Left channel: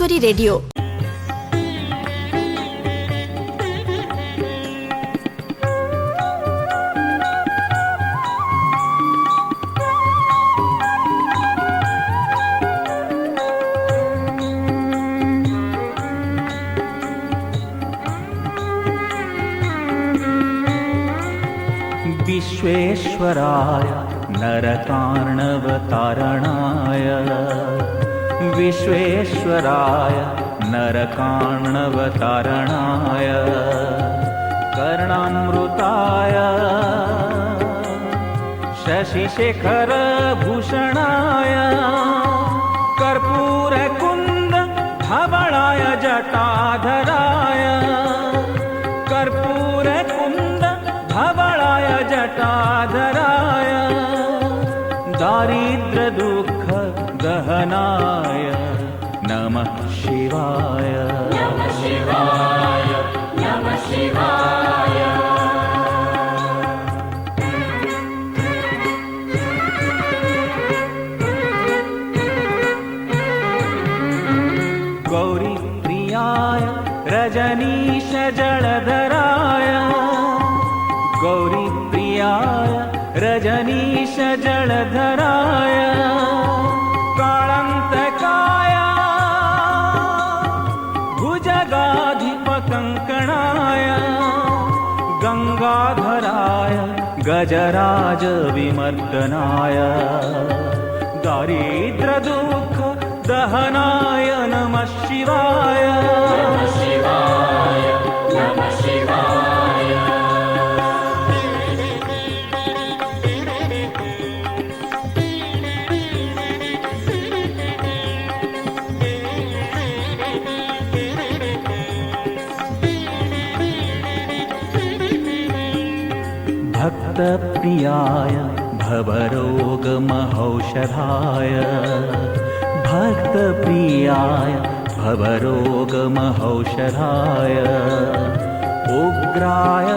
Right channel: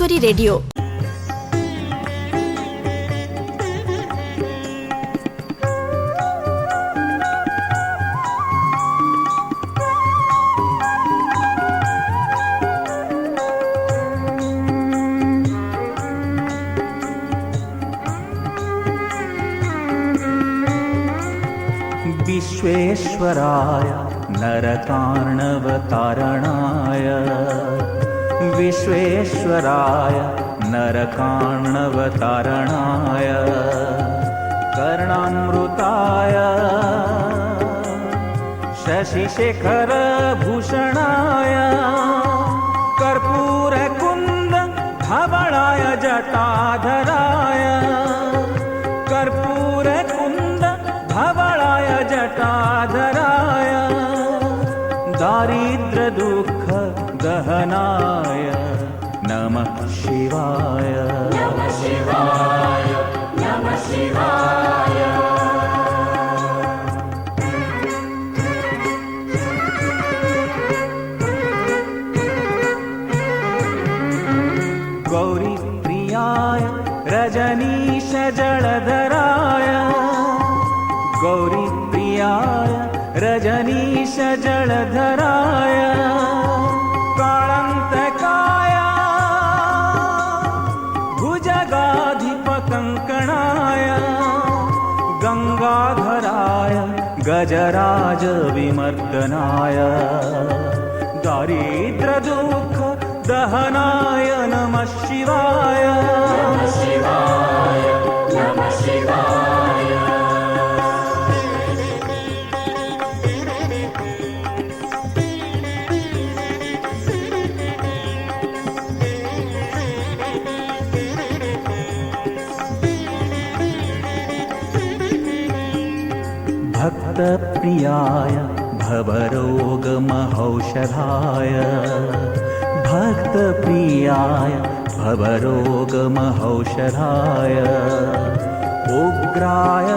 Dnyaneshwari radio. Visvesvaraya नरकार्णवतारणाय, Visvesvaraya नरकार्णवतारणाय, कर्णामृताय शशिशेखरभूषणाय, कर्पूरकुन्द धवलाय जटाधराय, कर्पूरकुन्द धवलाय जटाधराय, दारिद्र्य दुःख दहनाय नमः शिवाय. नमः शिवाय, नमः शिवाय. गौरी प्रियाय रजनीश जलधराय, गौरी प्रियाय रजनीश जलधराय, काळान्तकाय भुजगाधिपकङ्कणाय, गङ्गाधराय गजराज विमर्दनाय, दारिद्र्य दुःख दहनाय नमः शिवाय. नमः शिवाय, नमः शिवाय. भक्तप्रियाय भवरोगमहौषधाय, भक्तप्रियाय भवरोगमहौषधाय, उग्राय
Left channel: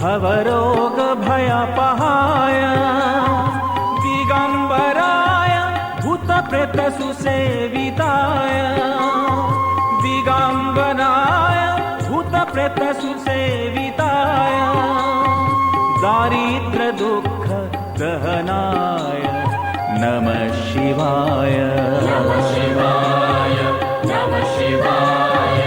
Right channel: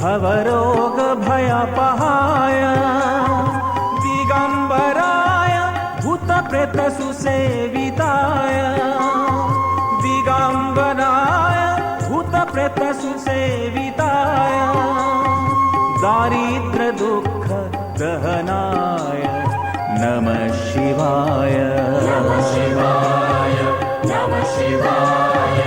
भवरोगभयपहाय, दिगम्बराय भूतप्रेतसुसेविताय, दिगम्बराय भूतप्रेतसुसेविताय, दारिद्र्य दुःख दहनाय नमः शिवाय. नमः शिवाय, नमः शिवाय.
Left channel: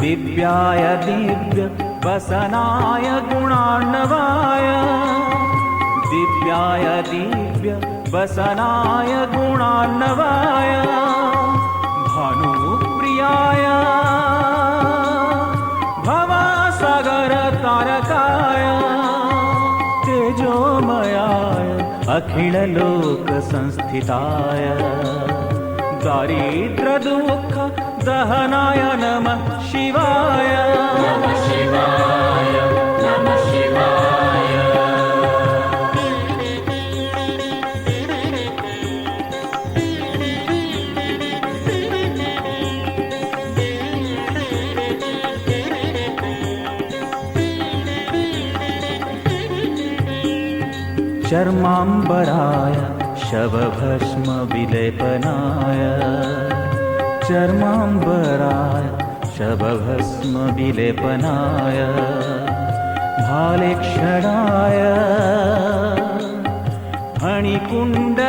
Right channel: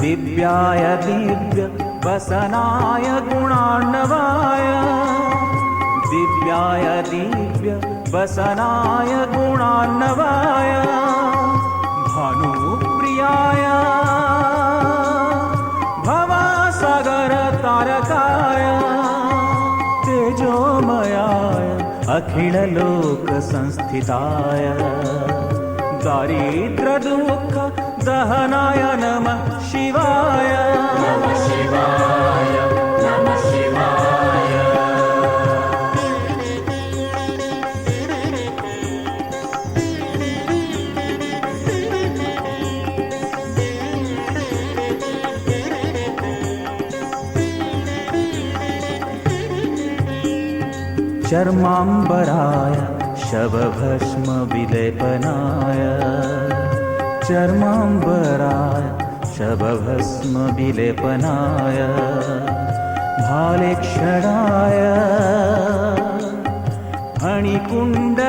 दिव्याय दिव्य वसनाय गुणार्णवाय, दिव्याय दिव्य वसनाय गुणार्णवाय, भानुप्रियाय भवसागर तारकाय, तेजोमयाय अखिल लोक संस्थिताय, दारिद्र्य दुःख दहनाय नमः शिवाय. नमः शिवाय, नमः शिवाय. चर्माम्बराय शवभस्म विलेपनाय, चर्माम्बराय शवभस्म विलेपनाय, भालेक्षणाय फणिकुण्डलमण्डिताय,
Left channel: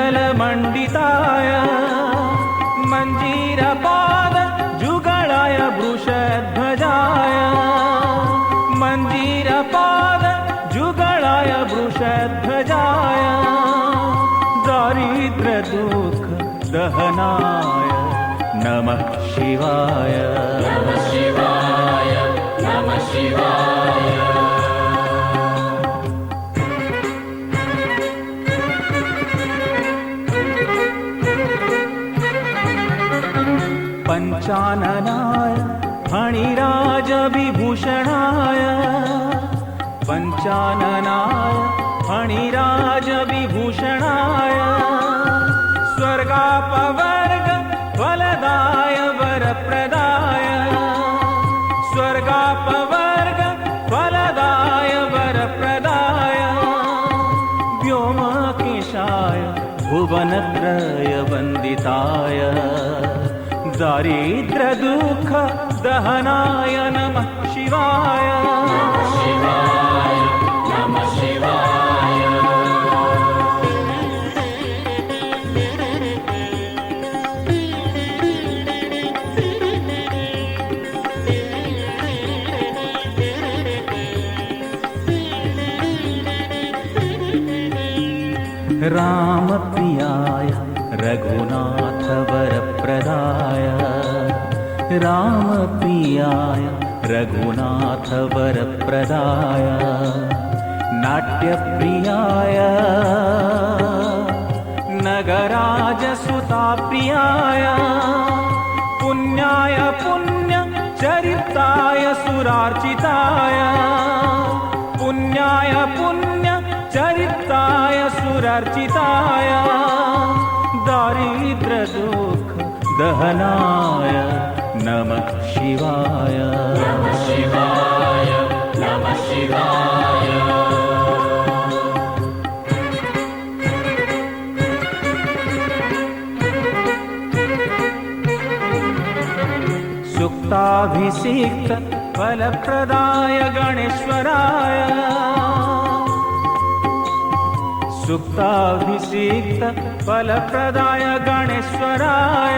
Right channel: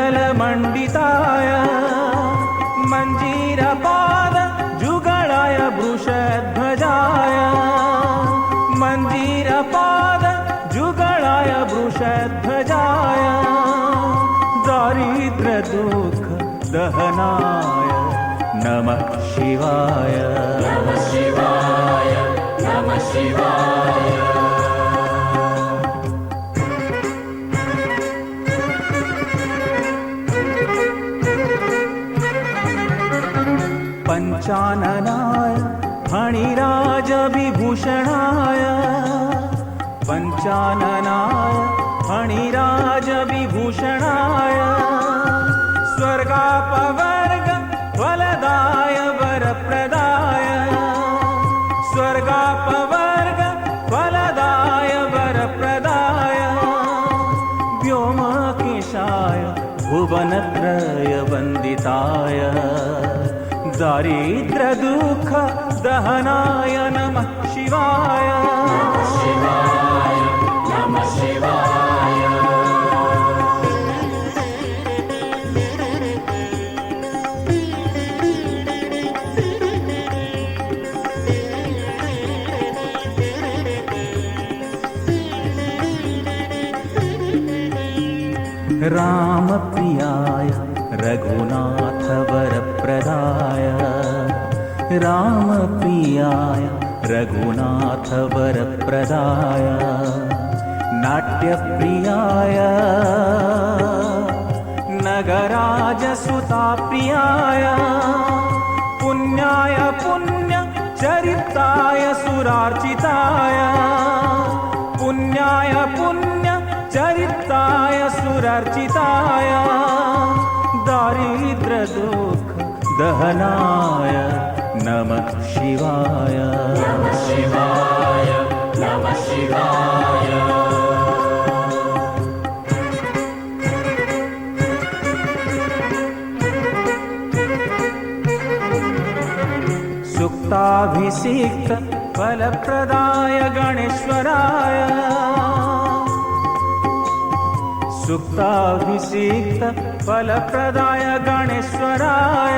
मञ्जीरपाद जुगलाय वृषध्वजाय, मञ्जीरपाद जुगलाय वृषध्वजाय, दारिद्र्य दुःख दहनाय नमः शिवाय. नमः शिवाय, नमः शिवाय. पञ्चाननाय फणिराज विभूषणाय, पञ्चाननाय फणिराज विभूषणाय, स्वर्गापवर्ग फलदाय वरप्रदाय, स्वर्गापवर्ग शिवाय दारिद्र्य दुःख दहनाय नमः शिवाय रामप्रियाय रघुनाथ वरप्रदाय रामप्रियाय रघुनाथ वरप्रदाय नाट्यप्रियाय नगराजसुताप्रियाय पुण्याय पुण्यचरिताय सुरार्चिताय पुण्याय पुण्यचरिताय सुरार्चिताय दारिद्र्य दुःख दहनाय नमः शिवाय नमः शिवाय नमः शिवाय सुक्ताभिषिक्त फलप्रदाय गणेश्वराय सुक्ताभिषिक्त फलप्रदाय गणेश्वराय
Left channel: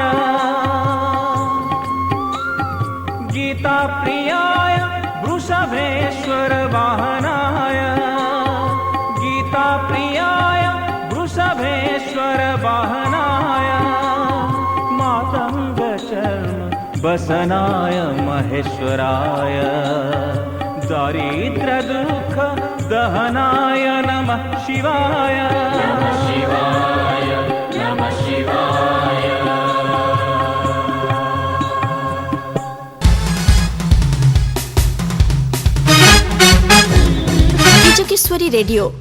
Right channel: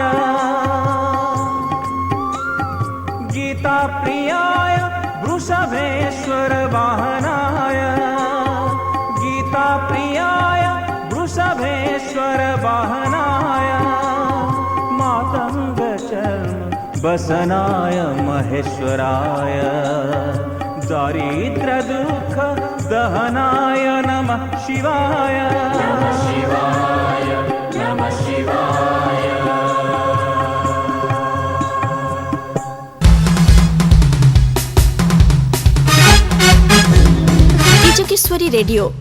गीताप्रियाय वृषभेश्वर वाहनाय गीताप्रियाय वृषभेश्वर वाहनाय मातङ्गचरण बसनाय महेश्वराय दारिद्र्य दुःख दहनाय नमः शिवाय नमः शिवाय नमः शिवाय कीचकेश्वरी रेडियो।